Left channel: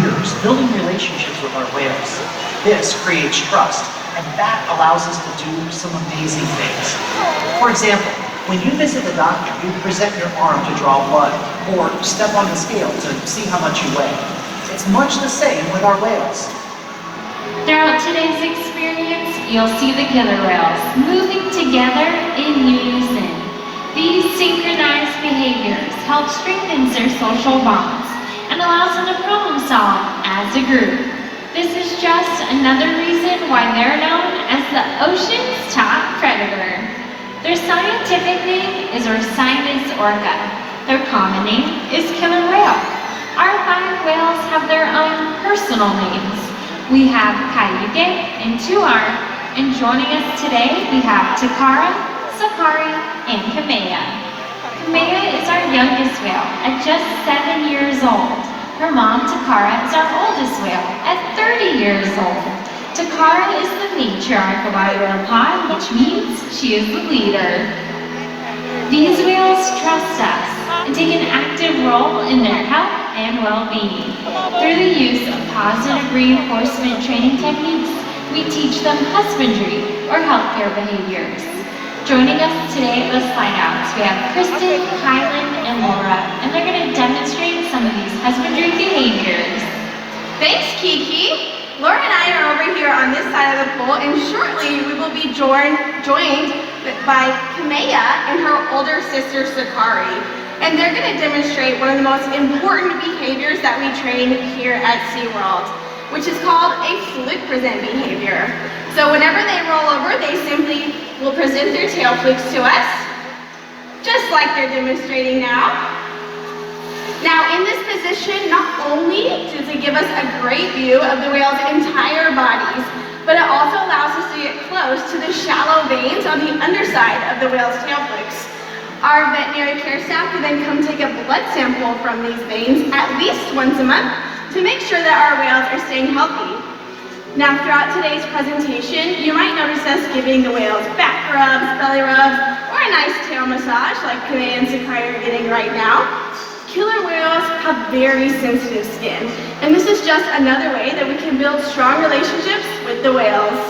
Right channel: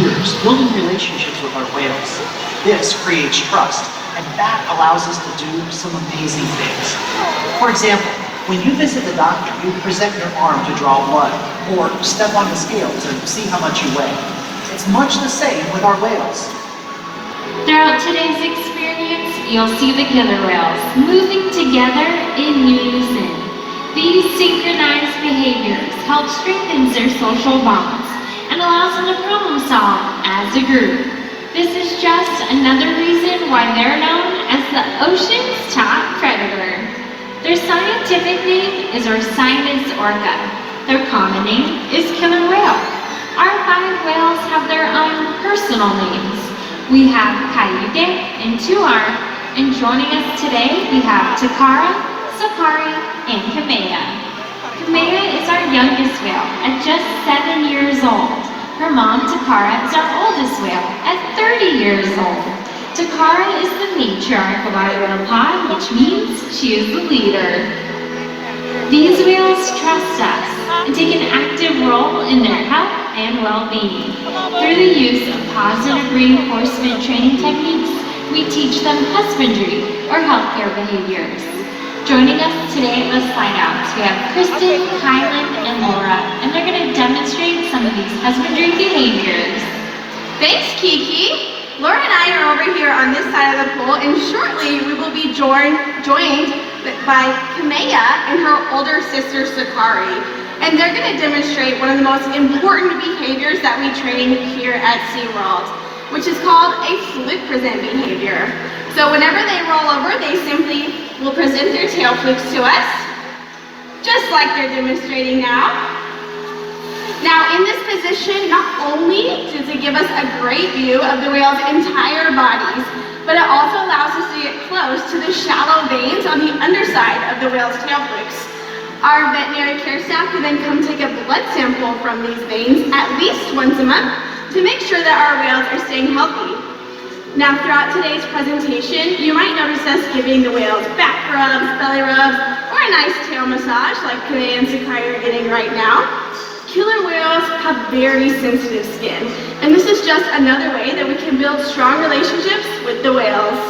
years building relationships with our whales. This creates trust, and that allows us to do some amazing things. For example, when you visit the doctor, you present your arm to draw blood, or step on the scale to see how much you weigh. It's much the same with our whales. Throughout today's experience, you'll see the killer whales moving together in unison. These synchronized behaviors help strengthen their social bonds and allows them to problem solve as a group. This is just another reason why they're known as the ocean's top predator. Their scientific name is Orcinus orca. Their common name is killer whale. Our 5 whales have their own personal names. We have Cayuga and Tuar, and joining us today we have Takara, Sakari, and Kamea. Kamea is our youngest whale at just 7 years old. Her mom, Takara, is our oldest whale at 30 years old. Takara is the matriarch of our whale pod, which means she is the leader. These whales trust us and take an active role in their health and well-being. Through the use of positive reinforcement training techniques, we teach them husbandry or healthcare behaviors. Joining us today at the sign-outs, we have Kristen, Kylan, and Laura, and they're going to demonstrate some of these husbandry behaviors. Thanks, Kiki. Laura and I are over here on this side of the pool, and shortly we will be joined by Kamea and her older sister, Sakari. And they're going to demonstrate one of the most important behaviors that we train here at SeaWorld, which is called a flick present behavior. So whenever they roll over, they simply will present their tail flicks to us, just like they're demonstrating now. Now, in this position, not only does it give us a great view of the whale's entire bodies, but it also allows us to get close to the shallow veins on the underside of the whale's tail flicks. Our veterinary care staff can then come take a blood sample from these veins at least once a month to make sure that our whales are staying healthy. Now, throughout today's presentation, you might notice us giving the whales back rubs, belly rubs, or a nice tail massage like Kamea and Sakari are getting right now. Killer whales have very sensitive skin, and this is just another way that we can build strong relationships with the whales.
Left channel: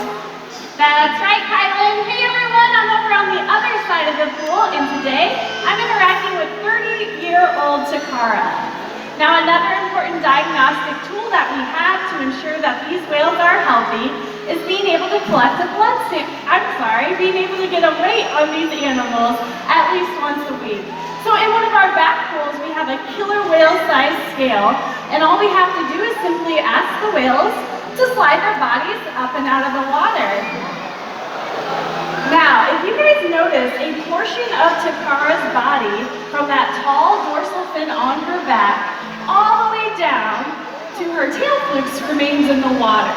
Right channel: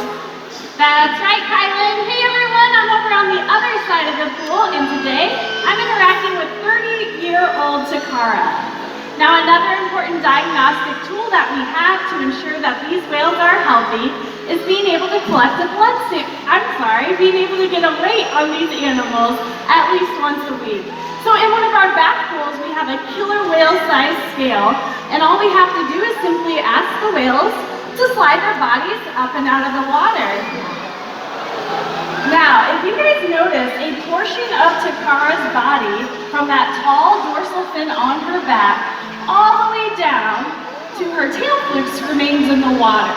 That's right, Kylan. Hey everyone, I'm over on the other side of the pool, and today I'm interacting with 30-year-old Takara. Now, another important diagnostic tool that we have to ensure that these whales are healthy is being able to collect a being able to get a weight on these animals at least once a week. So in one of our back pools, we have a killer whale size scale, and all we have to do is simply ask the whales to slide their bodies up and out of the water. Now, if you guys notice, a portion of Takara's body, from that tall dorsal fin on her back, all the way down to her tail flicks remains in the water.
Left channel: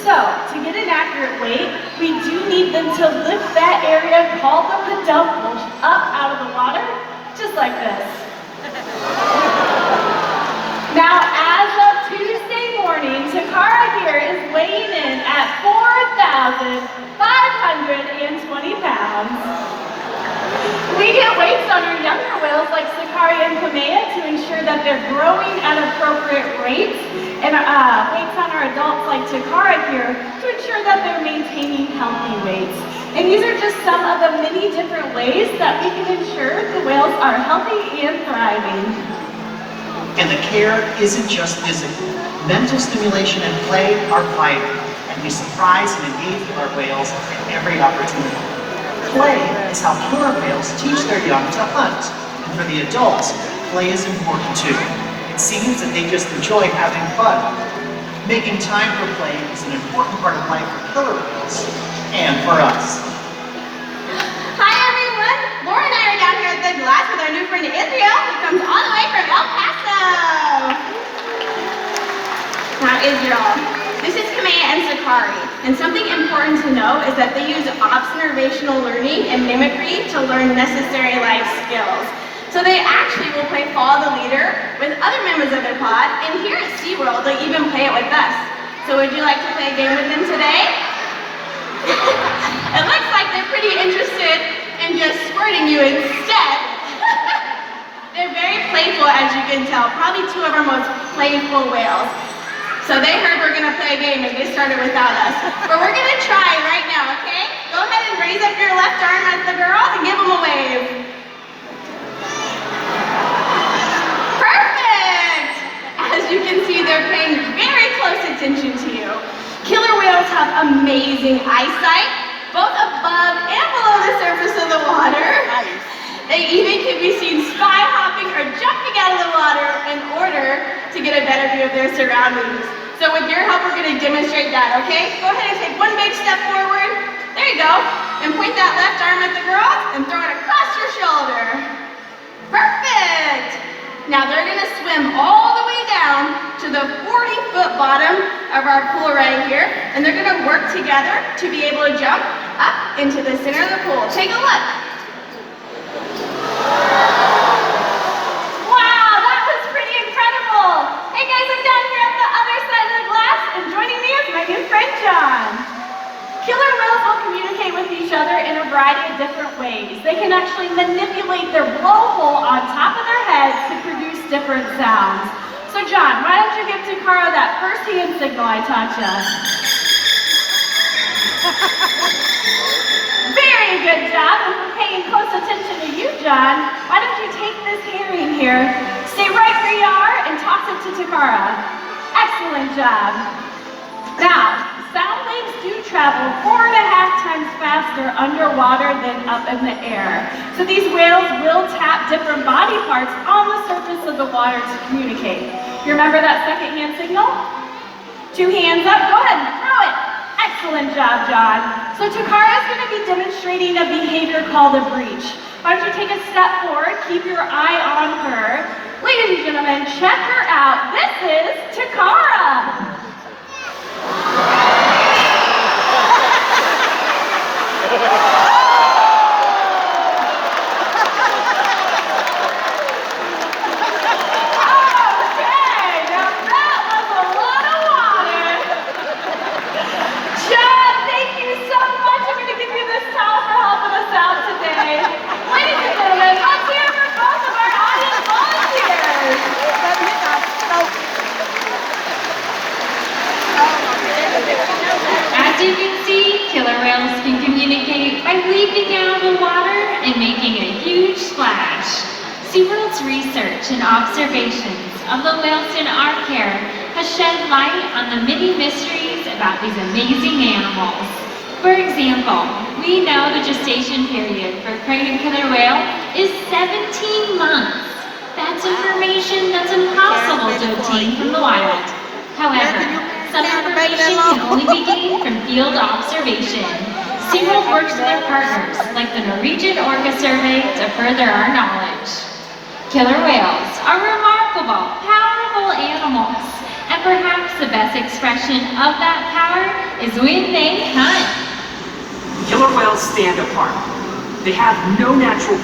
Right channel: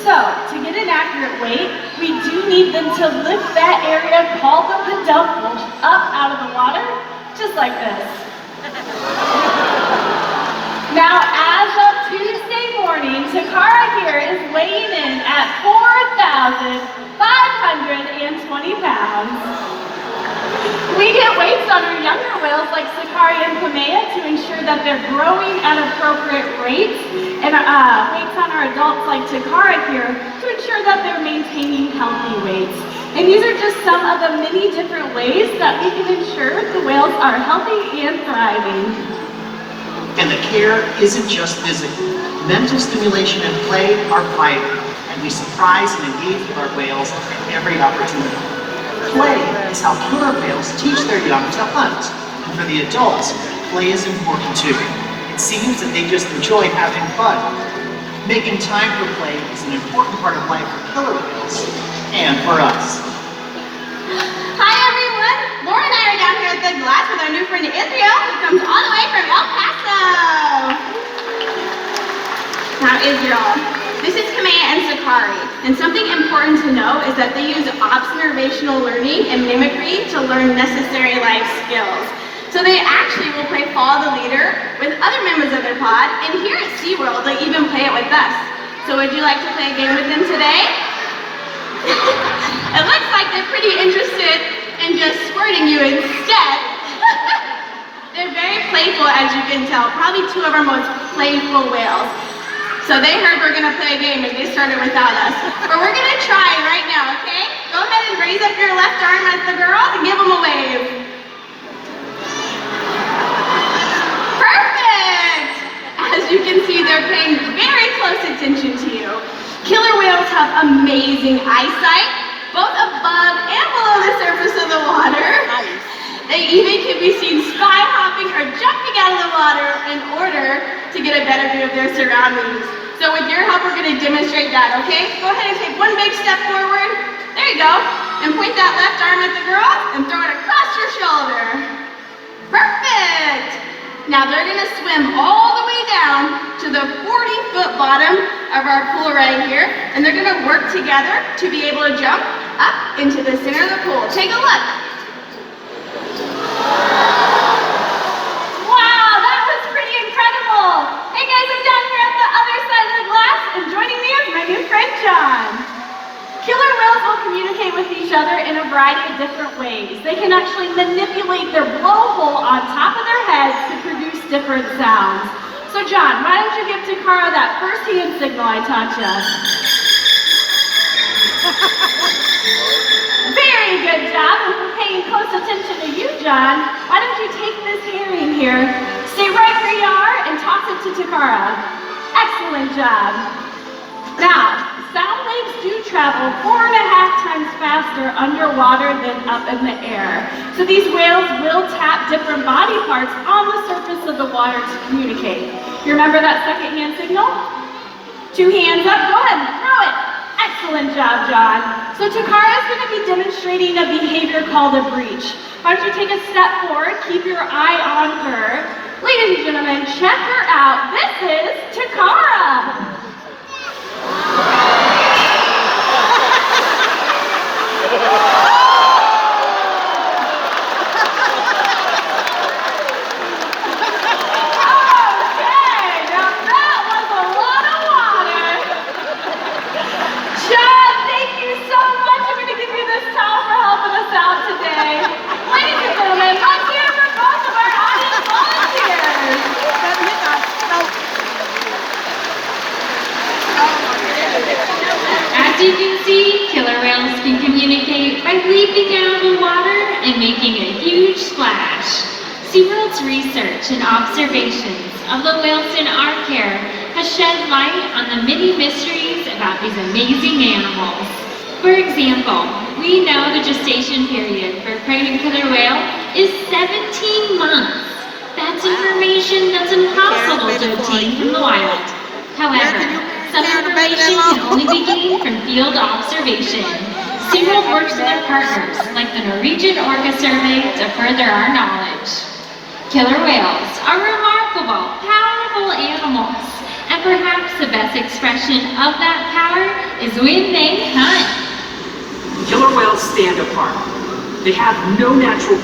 So, to get an accurate weight, we do need them to lift that area called the peduncle up out of the water, just like this. Now, as of Tuesday morning, Takara here is weighing in at 4,520 pounds. We get weights on our younger whales like Sakari and Kamea to ensure that they're growing at appropriate rates, and weights on our adults like Takara here to ensure that they're maintaining healthy weights. And these are just some of the many different ways that we can ensure the whales are healthy and thriving. And the care isn't just physical. Mental stimulation and play are vital, and we surprise and engage with our whales at every opportunity. Play is how killer whales teach their young to hunt, and for the adults, play is important too. It seems that they just enjoy having fun. Making time for play is an important part of life for killer whales, and for us. Hi everyone! Laura and I are down here at the glass with our new friend Israel, who comes all the way from El Paso. Now Israel, this is Kamea and Sakari, and something important to know is that they use observational learning and mimicry to learn necessary life skills. So they actually will play follow the leader with other members of their pod, and here at SeaWorld, they'll even play it with us. So would you like to play a game with them today? It looks like they're pretty interested in just squirting you instead. They're very playful, as you can tell, probably two of our most playful whales. So they heard we're gonna play a game and they started without us. But we're gonna try right now, okay? Go ahead and raise up your left arm at the girls and give them a wave. Perfect! As you can see, they're paying very close attention to you. Killer whales have amazing eyesight, both above and below the surface of the water. They even can be seen sky hopping or jumping out of the water in order to get a better view of their surroundings. So with your help, we're going to demonstrate that, okay? Go ahead and take one big step forward. There you go. And point that left arm at the girls and throw it across your shoulder. Perfect! Now they're going to swim all the way down to the 40-foot bottom of our pool right here. And they're going to work together to be able to jump up into the center of the pool. Take a look. Wow, that was pretty incredible. Hey guys, I'm down here at the other side of the glass, and joining me is my new friend, John. Killer whales will communicate with each other in a variety of different ways. They can actually manipulate their blowhole on top of their heads to produce different sounds. So John, why don't you give Takara that first hand signal I taught you? Very good job, and for paying close attention to you, John, why don't you take this herring here, stay right where you are, and toss it to Takara. Excellent job. Now, sound waves do travel 4.5 times faster underwater than up in the air. So these whales will tap different body parts on the surface of the water to communicate. You remember that second hand signal? 2 hands up, go ahead and throw it. Excellent job, John. So Takara is going to be demonstrating a behavior called a breach. Why don't you take a step forward, keep your eye on her. Ladies and gentlemen, check her out. This is Takara. As you can see, killer whales can communicate by leaping out of the water and making a huge splash. SeaWorld's research and observations of the whales in our care has shed light on the many mysteries about these amazing animals. For example, we know the gestation period for a pregnant killer whale is 17 months. That's information that's impossible to obtain from the wild. However, some information can only be gained from field observation. SeaWorld works with their partners, like the Norwegian Orca Survey, to further our knowledge. Killer whales are remarkable, powerful animals, and perhaps the best expression of that power is when they hunt. Killer whales stand apart. They have no natural